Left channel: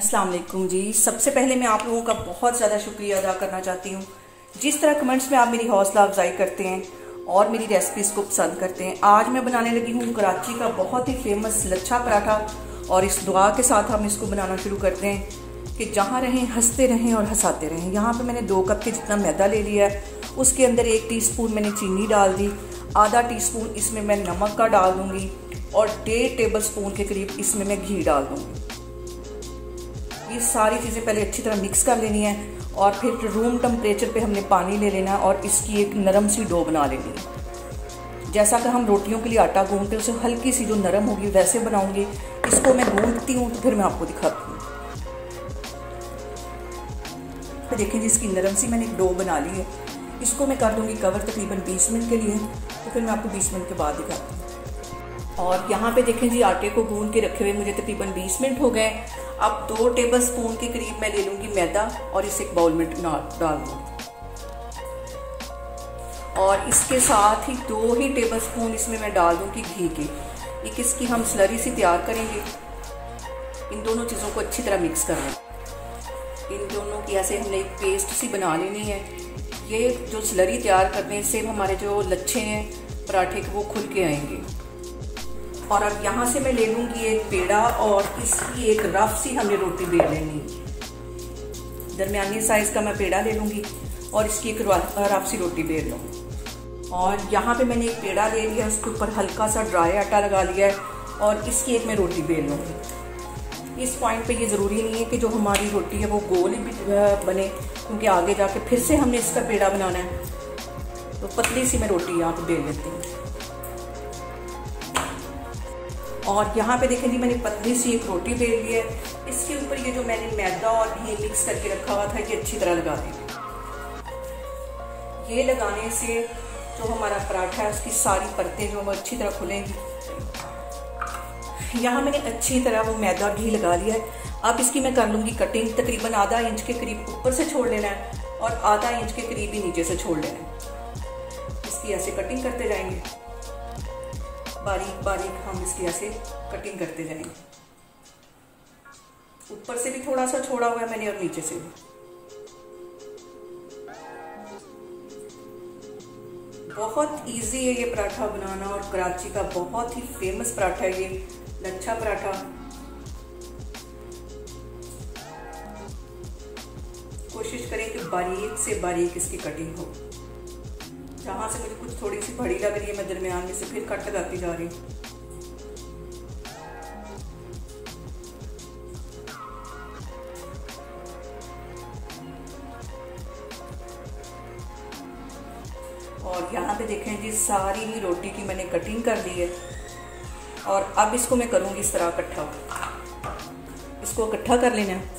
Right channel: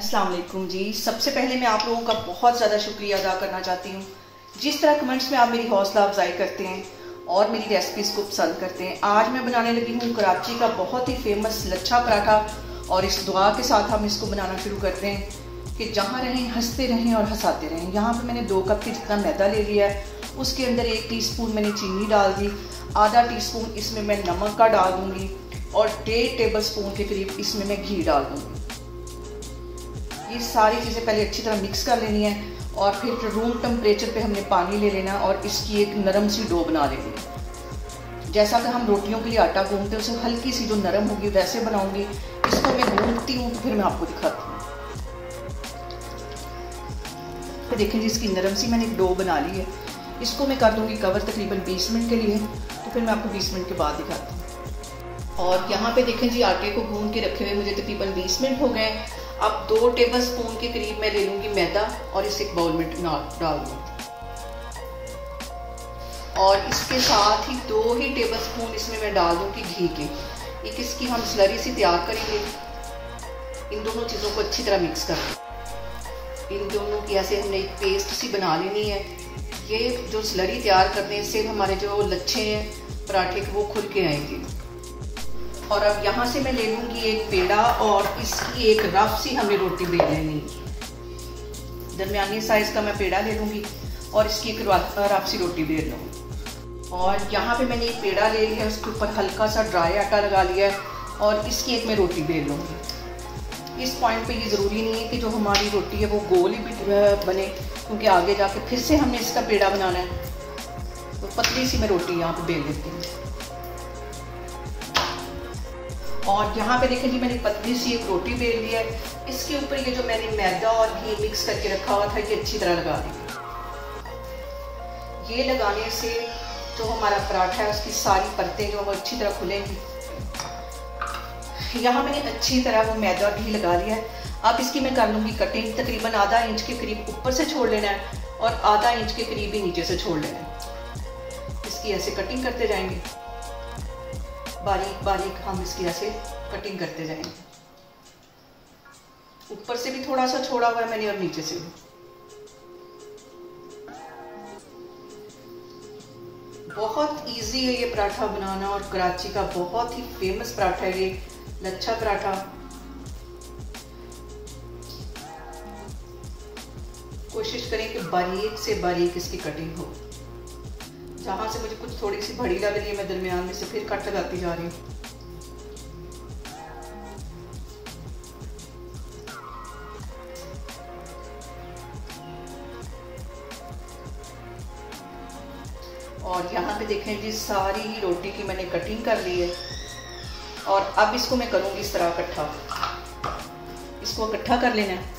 अस्सलाम वालेकुम जी। सबसे पहले मैं आप लोगों का बहुत ज़्यादा शुक्रिया अदा करना चाहती हूँ। जिस तरह कमेंट्स में आप मेरी हौसला अफजाई करते हैं और मेरी रेसिपीज़ को पसंद करते हैं। आज मैं बनाने लगी हूँ कराची का बहुत ही फेमस लच्छा पराठा, और इस दुआ के साथ हम इसको बनाना शुरू करते हैं कि जहाँ रहें हंसते रहें और हंसाते रहें। यहाँ पर मैंने 2 कप के जितना मैदा ले लिया है, उसके अंदर 1 टीस्पून मैंने चीनी डाल दी, आधा टीस्पून इसमें मैं नमक का डाल दूँगी और 1.5 टेबल स्पून के करीब इसमें मैं घी डाल दूँगी। ये सारी चीज़ें पहले अच्छी तरह मिक्स कर लेनी है और फिर रूम टेम्परेचर पे हमने पानी ले लेना और इसकी एक नरम सी डो बना लेनी है। जैसा कि हम रोटियों के लिए आटा गूंथते हैं, उसे हल्की सी जो नरम होगी वैसे बनाऊंगी। इसको मैं गूंथती हूँ तो फिर मैं आपको दिखाती हूँ। तो देखें जी, इसकी नरम सी मैंने एक डो बना ली है। इसको मैं कर दूँगी कवर तकरीबन 20 मिनट के लिए, तो फिर मैं आपको 20 मिनट के बाद दिखाती हूँ। और यहाँ पे देखें जी, आटे को गूंथ के रखे हुए मुझे तकरीबन 20 मिनट हो गए। अब 2 टेबल स्पून के करीब मैं ले लूँगी मैदा और इसे एक बाउल में डाल दूँगी, और इसके साथ ही 2 ही टेबल स्पून इसमें मैं डाल दूँगी घी के। एक इसकी हम स्लरी सी तैयार करेंगे। इन दोनों चीज़ों को अच्छी तरह मिक्स कर लें। इन दोनों की ऐसे हमने एक पेस्ट सी बना लेनी है। ये जो स्लरी तैयार करते हैं, इससे हमारे जो लच्छे हैं पराठे के वो खुल के आएंगे। और अब यहाँ से मैं ले लूँगी एक पेड़ा और इसकी एक रफ सी हमने रोटी बेल लेनी। दरमियानी साइज़ का मैं पेड़ा ले लूँगी और इसकी एक रफ सी रोटी बेल लूँगी। और यहाँ पे मैंने एक पेड़ा ले लिया, उसके ऊपर हल्का सा ड्राई आटा लगा लिया है और इसकी एक मैं रोटी बेल लूँगी। इस पॉइंट पे ये ज़रूरी नहीं है कि जो हमारी रोटी है वो गोल ही बने, क्योंकि आगे जाके फिर से हमने इसका पेड़ा बनाना है। तो पतली सी मैं रोटी यहाँ पे बेल लेती हूँ। और यहाँ पे देखें जी, मैंने पतली सी एक रोटी बेल ली है। इसके ऊपर ये जो मैंने मैदा और घी मिक्स करके रखा हुआ था, ये अच्छी तरह लगा देंगे। ये लगाने से जो हमारा पराठा है उसकी सारी परतें जो वो अच्छी तरह खुलेंगी। यहाँ मैंने अच्छी तरह वो मैदा घी लगा लिया है। अब इसकी मैं कर लूँगी कटिंग। तकरीबन आधा इंच के करीब ऊपर से छोड़ लेना है और आधा इंच के करीब ही नीचे से छोड़ लेना है। इसकी ऐसे कटिंग करते जाएंगे, बारीक बारीक हम इसकी ऐसे कटिंग करते जाएंगे। ऊपर से भी थोड़ा सा छोड़ा हुआ है मैंने और नीचे से भी। बहुत इजी है ये पराठा बनाना, और कराची का बहुत ही फेमस पराठा है ये लच्छा पराठा। कोशिश करें कि बारीक से बारीक इसकी कटिंग हो। जहाँ से मुझे कुछ थोड़ी सी बड़ी लग रही है, मैं दरमियान में से फिर कट लगाती जा रही हूँ। और यहाँ पे देखें जी, सारी ही रोटी की मैंने कटिंग कर ली है। और अब इसको मैं करूँगी इस तरह इकट्ठा। इसको इकट्ठा कर लेना है।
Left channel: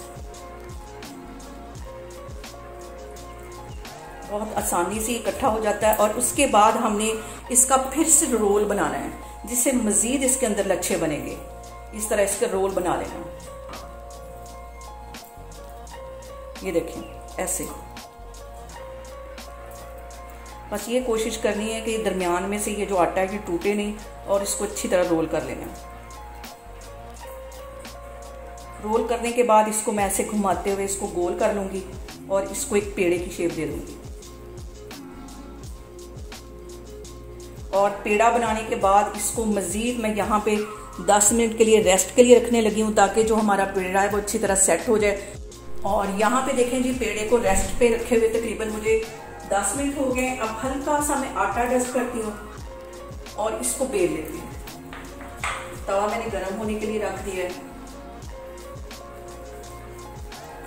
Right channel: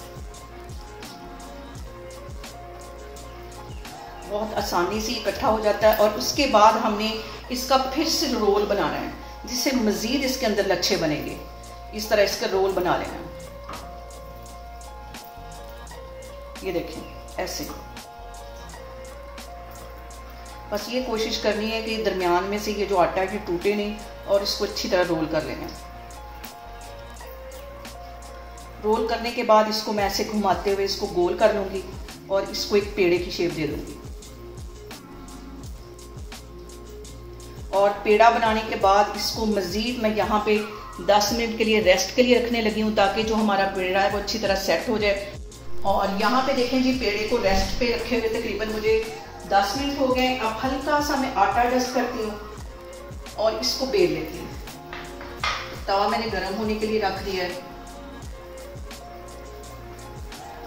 बहुत आसानी से इकट्ठा हो जाता है। और उसके बाद हमने इसका फिर से रोल बनाना है, जिससे मज़ीद इसके अंदर लच्छे बनेंगे। इस तरह इसका रोल बना लेना। ये देखें ऐसे। बस ये कोशिश करनी है कि दरमियान में से ये जो आटा है ये टूटे नहीं, और इसको अच्छी तरह रोल कर लेना। रोल करने के बाद इसको मैं ऐसे घुमाते हुए इसको गोल कर लूँगी और इसको एक पेड़े की शेप दे दूँगी। और पेड़ा बनाने के बाद इसको मज़ीद मैं यहाँ पे 10 मिनट के लिए रेस्ट के लिए रखने लगी हूँ, ताकि जो हमारा पेड़ा है वो अच्छी तरह सेट हो जाए। और यहाँ पे देखें जी, पेड़े को रेस्ट पे रखे हुए तकरीबन मुझे 10 मिनट हो गए। अब हल्का सा मैं आटा डस्ट करती हूँ और इसको बेल लेती हूँ। तवा मैंने गर्म होने के लिए रख दिया है।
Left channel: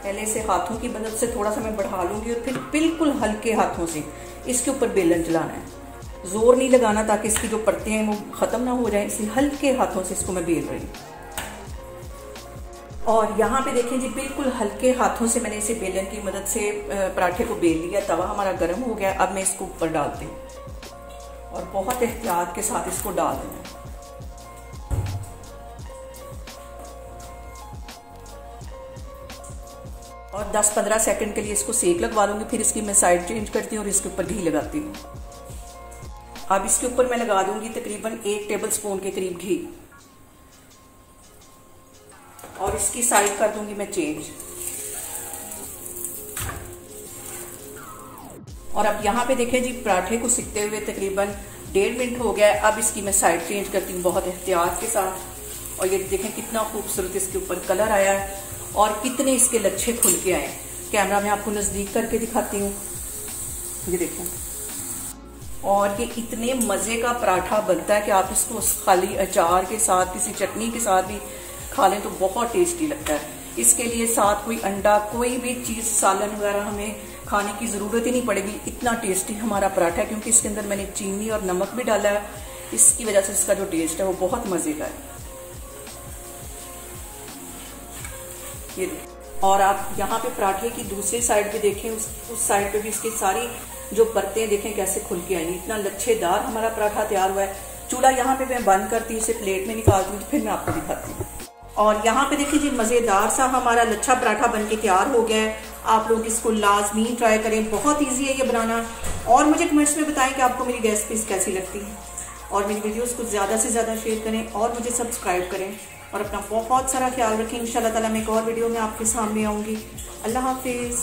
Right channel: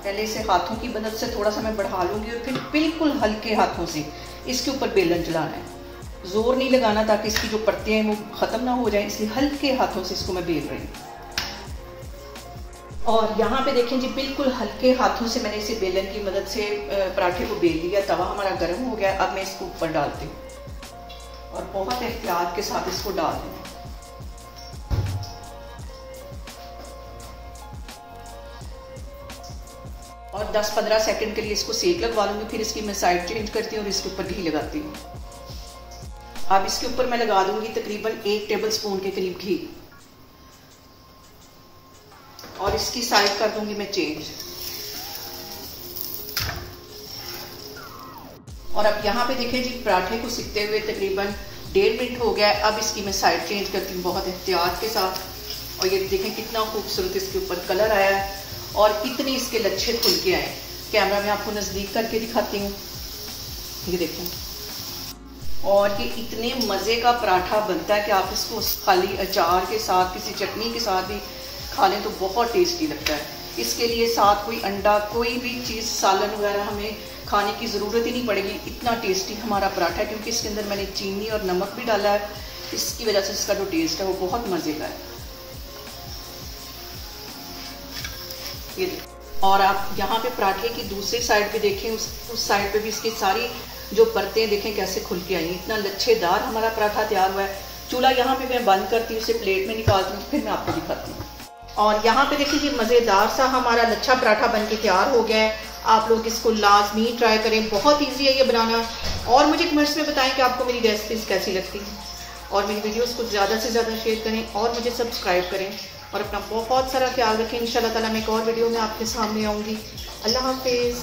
पहले से हाथों की मदद से थोड़ा सा मैं बढ़ा लूँगी और फिर बिल्कुल हल्के हाथों से इसके ऊपर बेलन चलाना है। जोर नहीं लगाना, ताकि इसकी जो परतें हैं वो ख़त्म ना हो जाए, इसलिए हल्के हाथों से इसको मैं बेल रही हूँ। और यहाँ पे देखें जी, बिल्कुल हल्के हाथों से मैंने इसे बेलन की मदद से पराठे को बेल लिया। तवा हमारा गर्म हो गया। अब मैं इसको ऊपर डालती हूँ और बहुत एहतियात के साथ इसको डाल देना। और 10-15 सेकंड के लिए इसको सेक लगवा लूँगी। फिर इसकी मैं साइड चेंज करती हूँ और इसके ऊपर घी लगाती हूँ। अब इसके ऊपर मैं लगा दूंगी तकरीबन 1 टेबल स्पून के करीब घी। और और इसकी साइड कर दूंगी मैं चेंज। और अब यहाँ पे देखें जी, पराठे को सिकते हुए तकरीबन 1.5 मिनट हो गया है। अब इसकी मैं साइड चेंज करती हूँ बहुत एहतियात के साथ। और ये देखें कितना खूबसूरत इसके ऊपर कलर आया है और कितने इसके लच्छे खुल के आए। कैमरा में आपको नज़दीक करके दिखाती हूँ, ये देखो। और ये इतने मज़े का पराठा बनता है कि आप इसको खाली अचार के साथ, किसी चटनी के साथ भी खा लें तो बहुत टेस्टी लगता है। इसके लिए साथ कोई अंडा, कोई भी चीज़, सालन वगैरह हमें खाने की ज़रूरत ही नहीं पड़ेगी। इतना टेस्टी हमारा पराठा है, क्योंकि इसके अंदर मैंने चीनी और नमक भी डाला है। इसकी वजह से इसका जो टेस्ट है वो बहुत मज़े का है। ये देखो। और आप यहाँ पे पराठे की दूसरी साइड पे देखें, उस साइड पे भी इसकी सारी जो परतें देखें कैसे खुल के आई। इतना लच्छेदार हमारा पराठा तैयार हुआ है। चूल्हा यहाँ पे मैं बंद करती हूँ, इसे प्लेट में निकालती हूँ, फिर मैं आपको दिखाती हूँ। और यहाँ पे देखिए जी, मज़ेदार सा हमारा लच्छा पराठा बन के तैयार हो गया है। आप लोग इसको लाजमी ट्राई करें, बहुत ईजी है ये बनाना। और मुझे कमेंट्स में बताएं कि आपको मेरी रेसिपीज़ कैसी लगती हैं। और मेरी वीडियोस को ज़्यादा से ज़्यादा शेयर करें और मुझे सब्सक्राइब करें। और अपना बहुत सारा ख्याल रखें। इंशाल्लाह ताला मैं एक और वीडियो में आपके सामने आऊँगी। अल्लाह हाफिज़।